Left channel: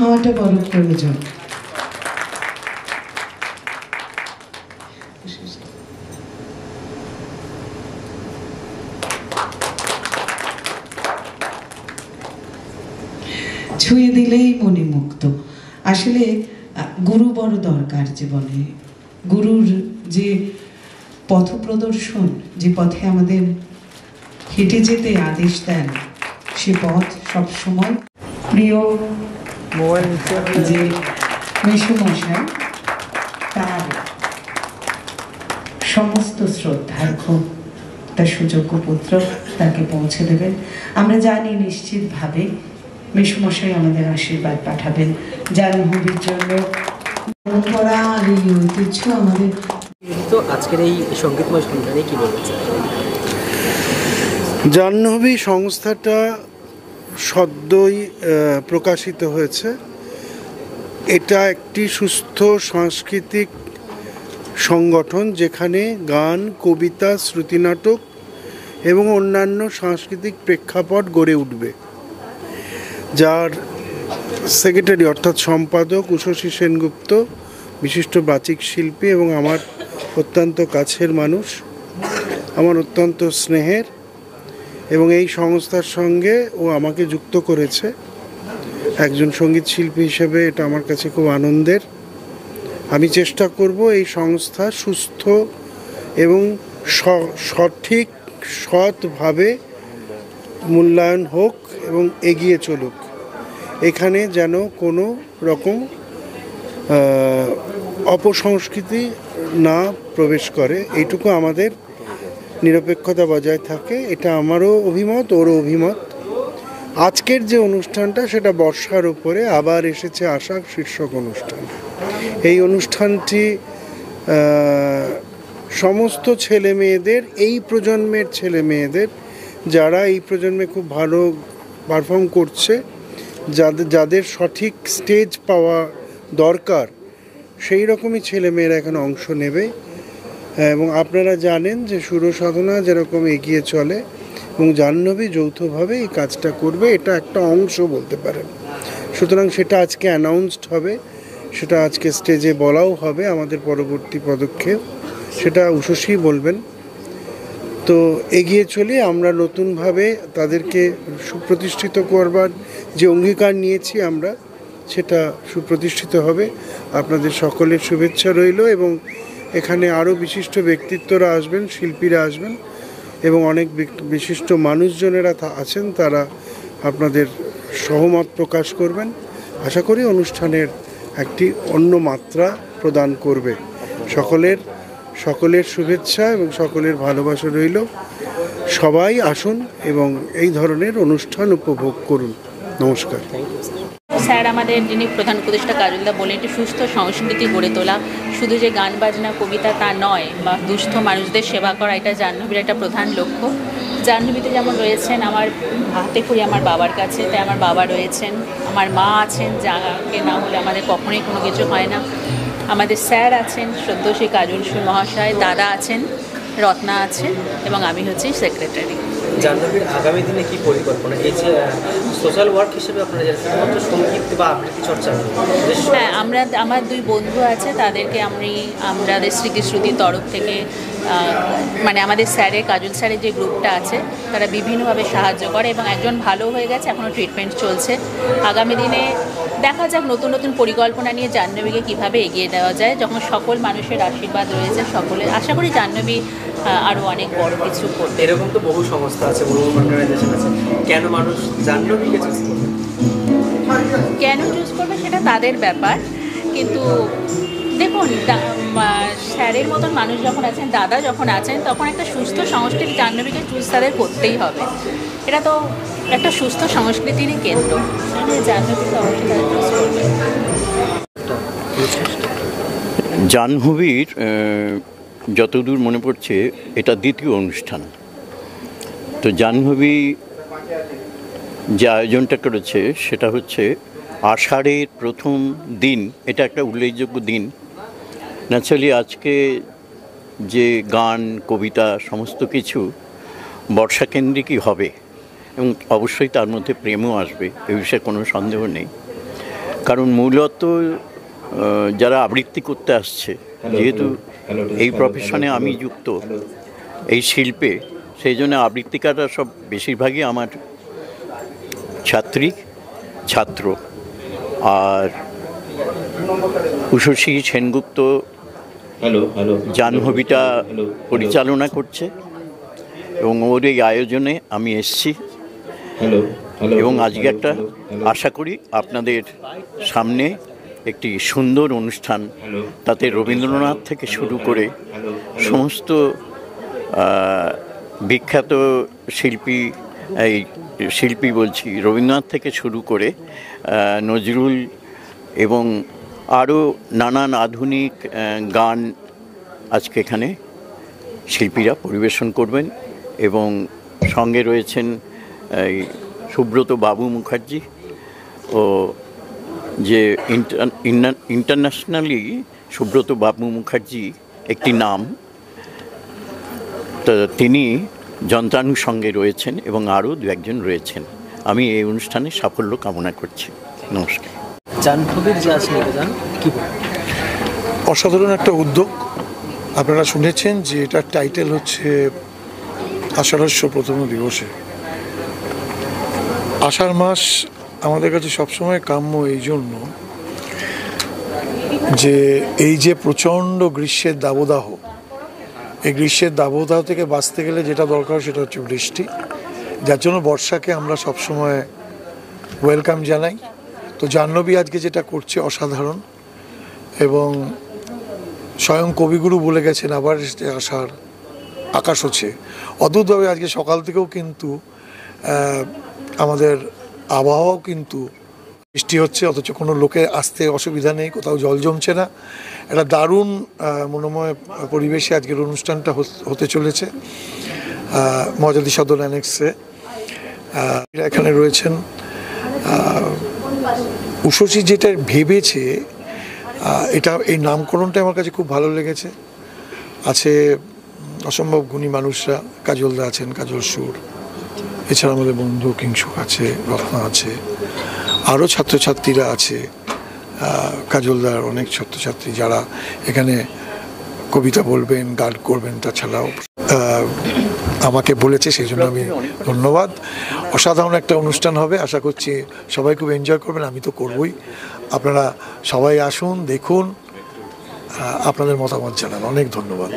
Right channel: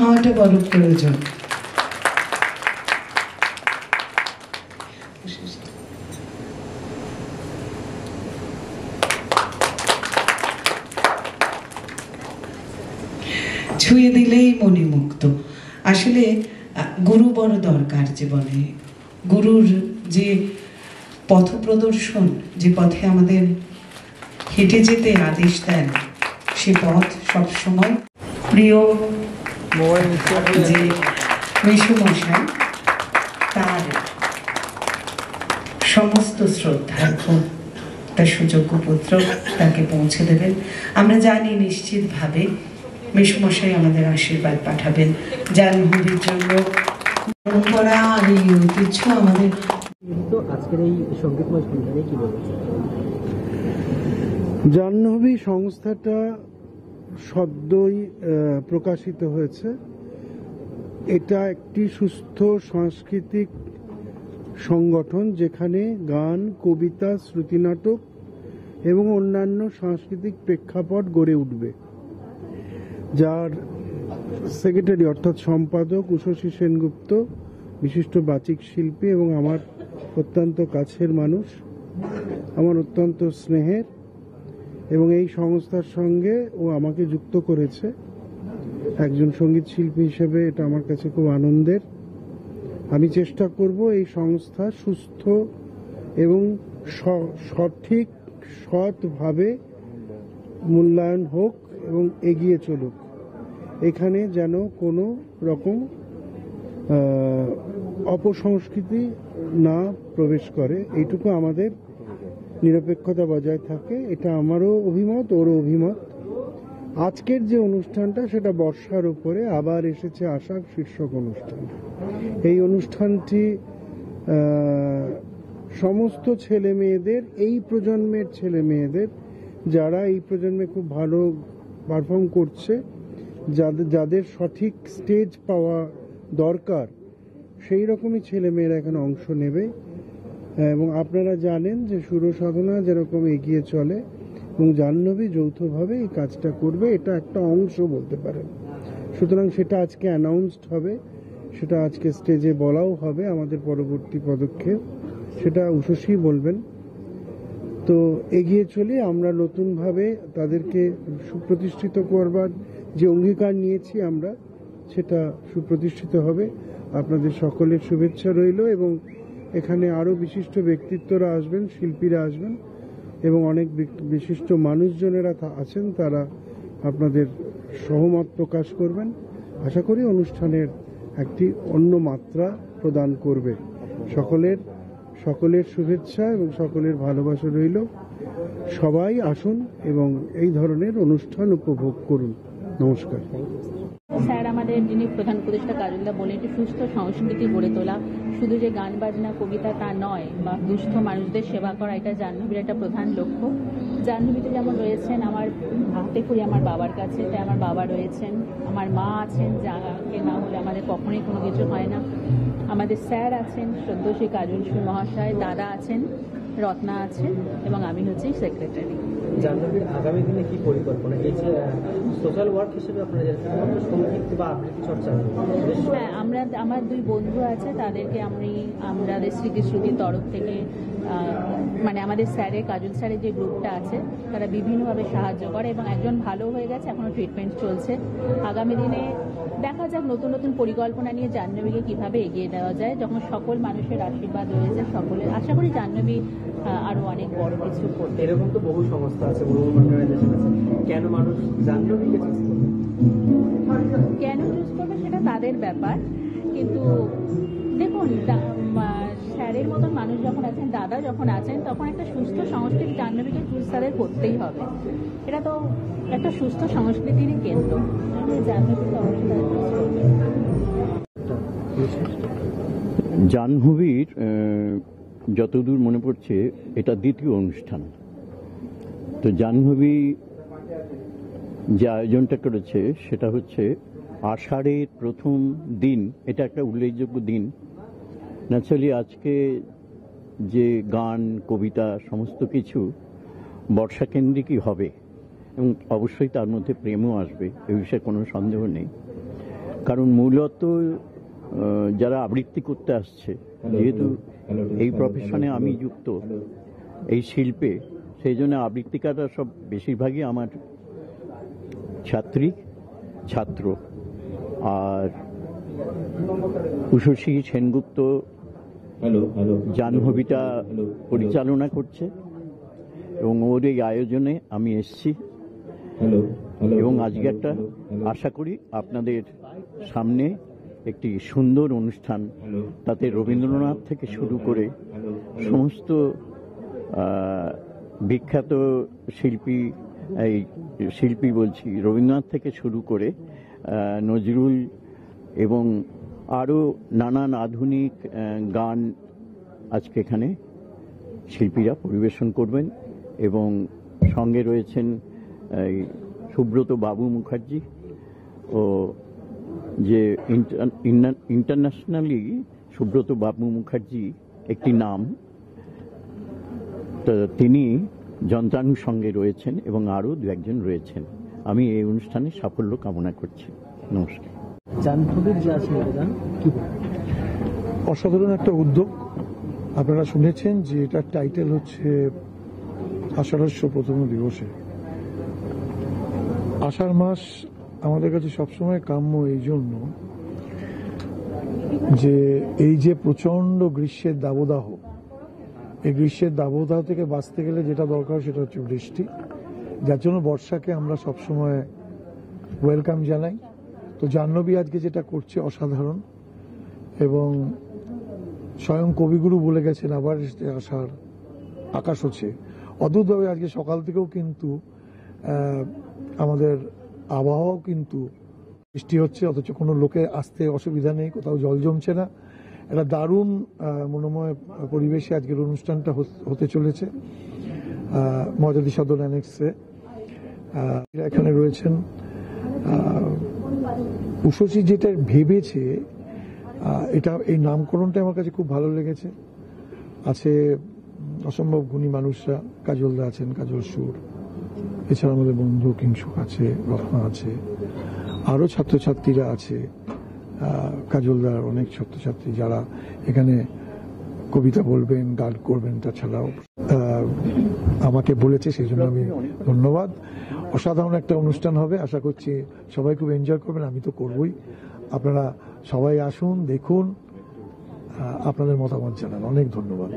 হওয়াটা বড় প্রয়োজন। ছুঁয়ে দিলেই মণিমুক্ত। আসলে গুরু বড় দরকার জীবনে। গুরুর যে পথ প্রদর্শন, যে পথে আমাদের হেঁটে যেতে আদেশ দেন, সে পথ সবসময় প্রিয় যে মেসোমশাই, তার সমস্ত শ্রদ্ধার্ঘ তার সুযোগ্য পুত্র তাকে পৌঁছে দেবেন। আমরা জানি নিশ্চিতভাবে মেসোমশাই আমাদের আশীর্বাদ পাঠাবেন জাহ্নবীর জন্য। পরম্পরা আর এই ঐতিহ্য আমাদের। তো আজকের এই সঙ্গীতময় সন্ধানে কি বলতে চাই? জাহ্নবী সংস্থাটা সদ্যই প্রকাশিত হয়েছে। এটা একটি সুস্থ সাংস্কৃতিক সংগঠন যেখানে গান, কবিতা, শ্রুতিনাটক এবং অন্যান্য সাংস্কৃতিক প্রেক্ষাপট গড়ে উঠবে। যার সেক্রেটারি অর্থাৎ সম্পাদক উষসী সেনগুপ্ত, বিশিষ্ট বাচিক শিল্পী এবং আমার অত্যন্ত কাছের মানুষ, আমার অত্যন্ত স্নেহের, এবং এই সংস্থার সঙ্গে ও আমাকে যুক্ত করেছে একজন সঙ্গীত শিল্পী হিসেবে। এটা আমার কাছে খুব আনন্দের। আমি চেষ্টা করব এই সংস্থা সুস্থ এবং সঠিক সৎভাবে মূল্যায়ন হোক এবং এগিয়ে চলুক। এখানে যেন কোনো রকম অপসংস্কৃতি না প্রবেশ করে, এইটুকু আমাদের নিরপেক্ষতা বজায় থাকে। এটা আমারও অভিমত, ওরও অভিমত। আজকের যে অনুষ্ঠানটা সেটা বর্ষার উপরে আবার এসেছে আশা শীর্ষক অনুষ্ঠান। এই অনুষ্ঠানটি সমস্ত ছেলে মেয়েদের, এই প্রজন্মের ছেলে মেয়েদের, যারা এই প্রজন্মে খুব ভালো পারফর্ম করছে, যাদের সঠিক স্টেজ পাওয়া দরকার, সেই রকমই ছেলেমেয়েরা এখানে অংশ নেবে। এবং আপনারা জানেন যে সুরসাধনা যেরকম এগিয়ে চলে এবং জাহ্নবী যৌথভাবে এই কাজটা করবে, এটা একটা অংশ বলতে পারেন। সুতরাং সেটা আজকে অ্যানাউন্সড হবে, সেটা আজকে স্টেজে বলাও হবে। আমাদের পরবর্তী পদক্ষেপ সেটা উষসী বলবেন। তো এগিয়ে চলে আমরা নতুনভাবে তাদেরকে সুপ্রতিষ্ঠিত করবার যে অঙ্গীকার নিয়েছি আমরা, সেটা সুপ্রতিষ্ঠিত হবে। আপনাদের সকলের শুভেচ্ছা রইল এবং এখানে আরও বিশিষ্ট ব্যক্তিত্বরা আসবেন, শিল্পীরা আসবেন এবং অনেক বিশিষ্ট মানুষজনেরা আছেন, তারা আপনাদের সহমত প্রকাশ করবেন। আশা করি অনুষ্ঠানের একটি অন্য মাত্রা প্রদান করবে। সকলের শুভেচ্ছা এবং সকলের ভালোবাসা রইল। সবাই আসুন এবং এই ধরনের অনুষ্ঠান উপভোগ করুন। নমস্কার। স্যার আমাদের যিনি প্রধান উপদেষ্টা কাজলদা বলেন, একটি সুস্থ সংস্কৃতি গড়ে তোলা, শুধু যে গান বাজনা কবিতা তা নয়, বা দুস্থ মানুষদের সেবা করা, এটা জাহ্নবীর একটা প্রধান লক্ষ্য। জাহ্নবীতে যেমন রয়েছেন আমার হাতে খড়ি আমার বাবার কাছে, তাই আমার বাবা রয়েছেন, আমার মা আছেন, যাকে না হলে আমাদের কখনোই কোনো কিছু হয় না। আমাদের স্যার আছেন শ্রদ্ধেয় কাজল সুর মহাশয়, দাদা আছেন, রত্না আছে এবং আমি হচ্ছি সেক্রেটারি। জাহ্নবীর আগামী দিনে কি পরিকল্পনা? এই যে সোশ্যাল ওয়ার্ক হিসেবে আপনারা শুধুমাত্র সঙ্গীত বা আবৃত্তি চর্চা? হ্যাঁ, আমার দুই বন্ধু আছে, তাদেরকে আমাদের স্মৃতিশ্রুতির তরফ থেকে মানে আমাদের স্যারের, কাজল স্যারের যে গ্রুপটা আছে, তারা বিভিন্নভাবে সাহায্য করে এবং একজন ভালো হয়ে গেছে, এখনও ট্রিটমেন্ট চলছে। আগামী দিনে দেখা যাক নতুন নতুন পরিকল্পনা নিয়ে জাহ্নবীকে কীভাবে এগিয়ে দেওয়া যায়। যখন সকল মানুষের আশীর্বাদ রয়েছে, সকলের আশা করি জাহ্নবী আরও অনেক বড় কিছু করবে। এরকম তো বহু সংস্থা আছে, বহু অর্গানাইজেশন আছে, কেন মানুষ জাহ্নবীকে চুজ করবে? কেন চুজ করবে সেটা তাদের ব্যাপার, কিন্তু দেখুন স্যারের মতন মানুষ যখন আছেন, দাদা যখন আছেন, তখন একটা সুস্থ সংস্কৃতি জাহ্নবীকে চুজ তাদের করতেই হবে। এটা তো একটা সুস্থ সংস্কৃতিরই কেন্দ্র, জাহ্নবীকে অবশ্যই তারা চুজ করবে। জাহ্নবীর যতদূর মনে পড়ছে এটা দ্বিতীয় অনুষ্ঠান। তো জাহ্নবী যে আয়োজনটা করেছে সেটা হচ্ছে আষাঢ়ের প্রথম দিন, এটা একটা উল্লেখযোগ্য দিন। ন্যাচারালি আজকে যে গান, কবিতা সমস্ত কিছু বর্ষাকেন্দ্রিকই হবে এবং অবশ্যই তার মধ্যে প্রেমও আসবে, এ বিষয়ে কোনো সন্দেহ নেই। কারণ মূলত যারা আবৃত্তি করতে আসছে, যেহেতু এই প্রফেশনে আমি যুক্ত, এই শিল্পে, সেই জন্য আবৃত্তিকাররা সব বেশিরভাগই আমার ছাত্র। আর উষসী সেনগুপ্ত জাহ্নবীটা পরিচালনা করছে এবং ওর এই আয়োজনে আমি এসেছি এবং আজকে একটা আশা করি আপনাদের সামনে একটি সুন্দর অনুষ্ঠান, তাতে রবীন্দ্রনাথ থেকে শুরু করে সমস্ত বিখ্যাত শিল্পী বলছি, রবীন্দ্রনাথ থেকে শুরু করে নজরুল এবং আরও নানান আধুনিক গান আজকে এখানে শিল্পীরা পরিবেশন করবেন এবং সঙ্গে রয়েছেন এই সুব্রত বাবু মুখার্জি, ও যে ইন্টারন্যাশনালি সুব্রত বাবু মুখার্জি একটি নাম, তো তিনি যন্ত্রাণুর সঙ্গে রয়েছেন এবং আরও দু একজন রয়েছেন। আমি এই অনুষ্ঠানে সাফল্য কামনা করছি। নমস্কার। জাহ্নবীর যে আজ নিবেদন কি অসাধারণ একটা উদ্যোগ। আপনারা শুনেছেন যে এটার টাইটেল হচ্ছে আষাঢ়স্য প্রথম দিবসে। আষাঢ় মাস আমাদের কাছে সবসময় কাম্য এই জন্য যে এই যে প্রচণ্ড গ্রীষ্মের দাবদাহ, এই গ্রীষ্মের দাবদাহ থেকে বাঁচতে গেলে যেটা দরকার সেটা হচ্ছে বৃষ্টি, যার জন্য বর্ষাকে আমরা সবসময় ওয়েলকাম জানাই। তো জাহ্নবী আজকে যেটা করছে অসাধারণ, এবং স্বয়ং কবিগুরু বলে গেছেন আবার আষাঢ় আকাশ হচ্ছে। অদ্ভুতভাবে আজকে সকাল থেকেও কিন্তু আমাদের আবহাওয়াও কিন্তু বৃষ্টি হচ্ছে, অথচ কোনো লোকের আসতে অসুবিধা নেই, কোথাও জল জমছে না। একটা দারুণ মনোময় পরিবেশে আজকের অনুষ্ঠানটা হতে চলেছে মজাদি সদর অ্যানেক্সে। এখানে রয়েছেন উষসী যেটা ভেবেছে, এটা এই নামকরণটা আমার কাছে খুব ভালো লেগেছে। আছে অসম্ভব গুণী মানুষরা, কাজলদা আছেন, কাজল সুর, এছাড়া আমাদের বন্ধু কিংসুক আছে, রত্না আছে, আরও ছাত্রছাত্রীরা আছে, কাজলদার অনেক ছাত্রছাত্রী যারা এখানে কবিতা বলবেন, গান করবেন। তাছাড়াও আমাকে বলেছে, সেই জন্য আমি ধন্যবাদ। অসাধারণ একটা অনুষ্ঠান হবে, আশা করছি সবাই খুব এনজয় করবেন, আমি তো করবই। আপনারা সবাই আসুন, দেখুন, আপনাদের মতামত জানান। অনেক ধন্যবাদ।